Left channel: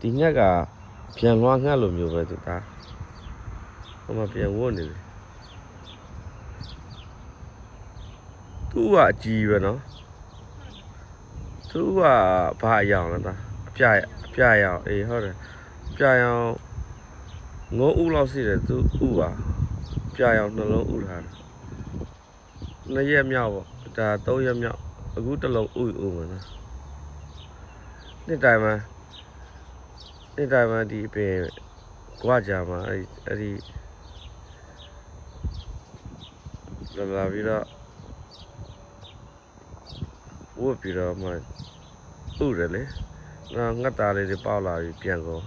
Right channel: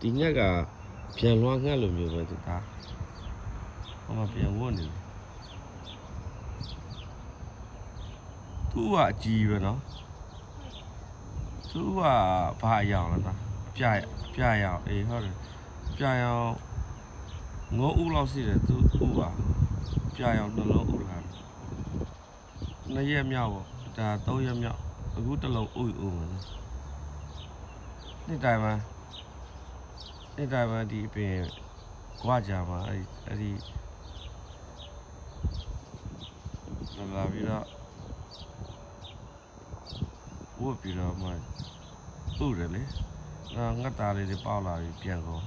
ဒီငှက်ကပြန်လွှားငှက်လိုမျိုးပဲသူသားဟိုမှာပြန်ဝတ်နေတယ်သူ့ကအကြီးပဲနော်သူကဘာအယောင်လဲသားအပြရောင်အေးဟုတ်တယ်ပြရောင်ငုံဥလောက်ရှိတယ်သူဥပါပြရောင်နှလုံးဥထားတယ်2ရက်မြောက်ပေါ့ဒါ3ရက်မြောက်အခုတစ်လုံးဥမယ်နော်နေ့တိုင်းမှာဒီပင်ကွာကြမှာအဲ့ဒီလာပြီးတော့ဝတ်ပြီးတော့မှဥတယ်လေငှက်သားလေးတွေပေါက်လာပြီးပြန်ကုန်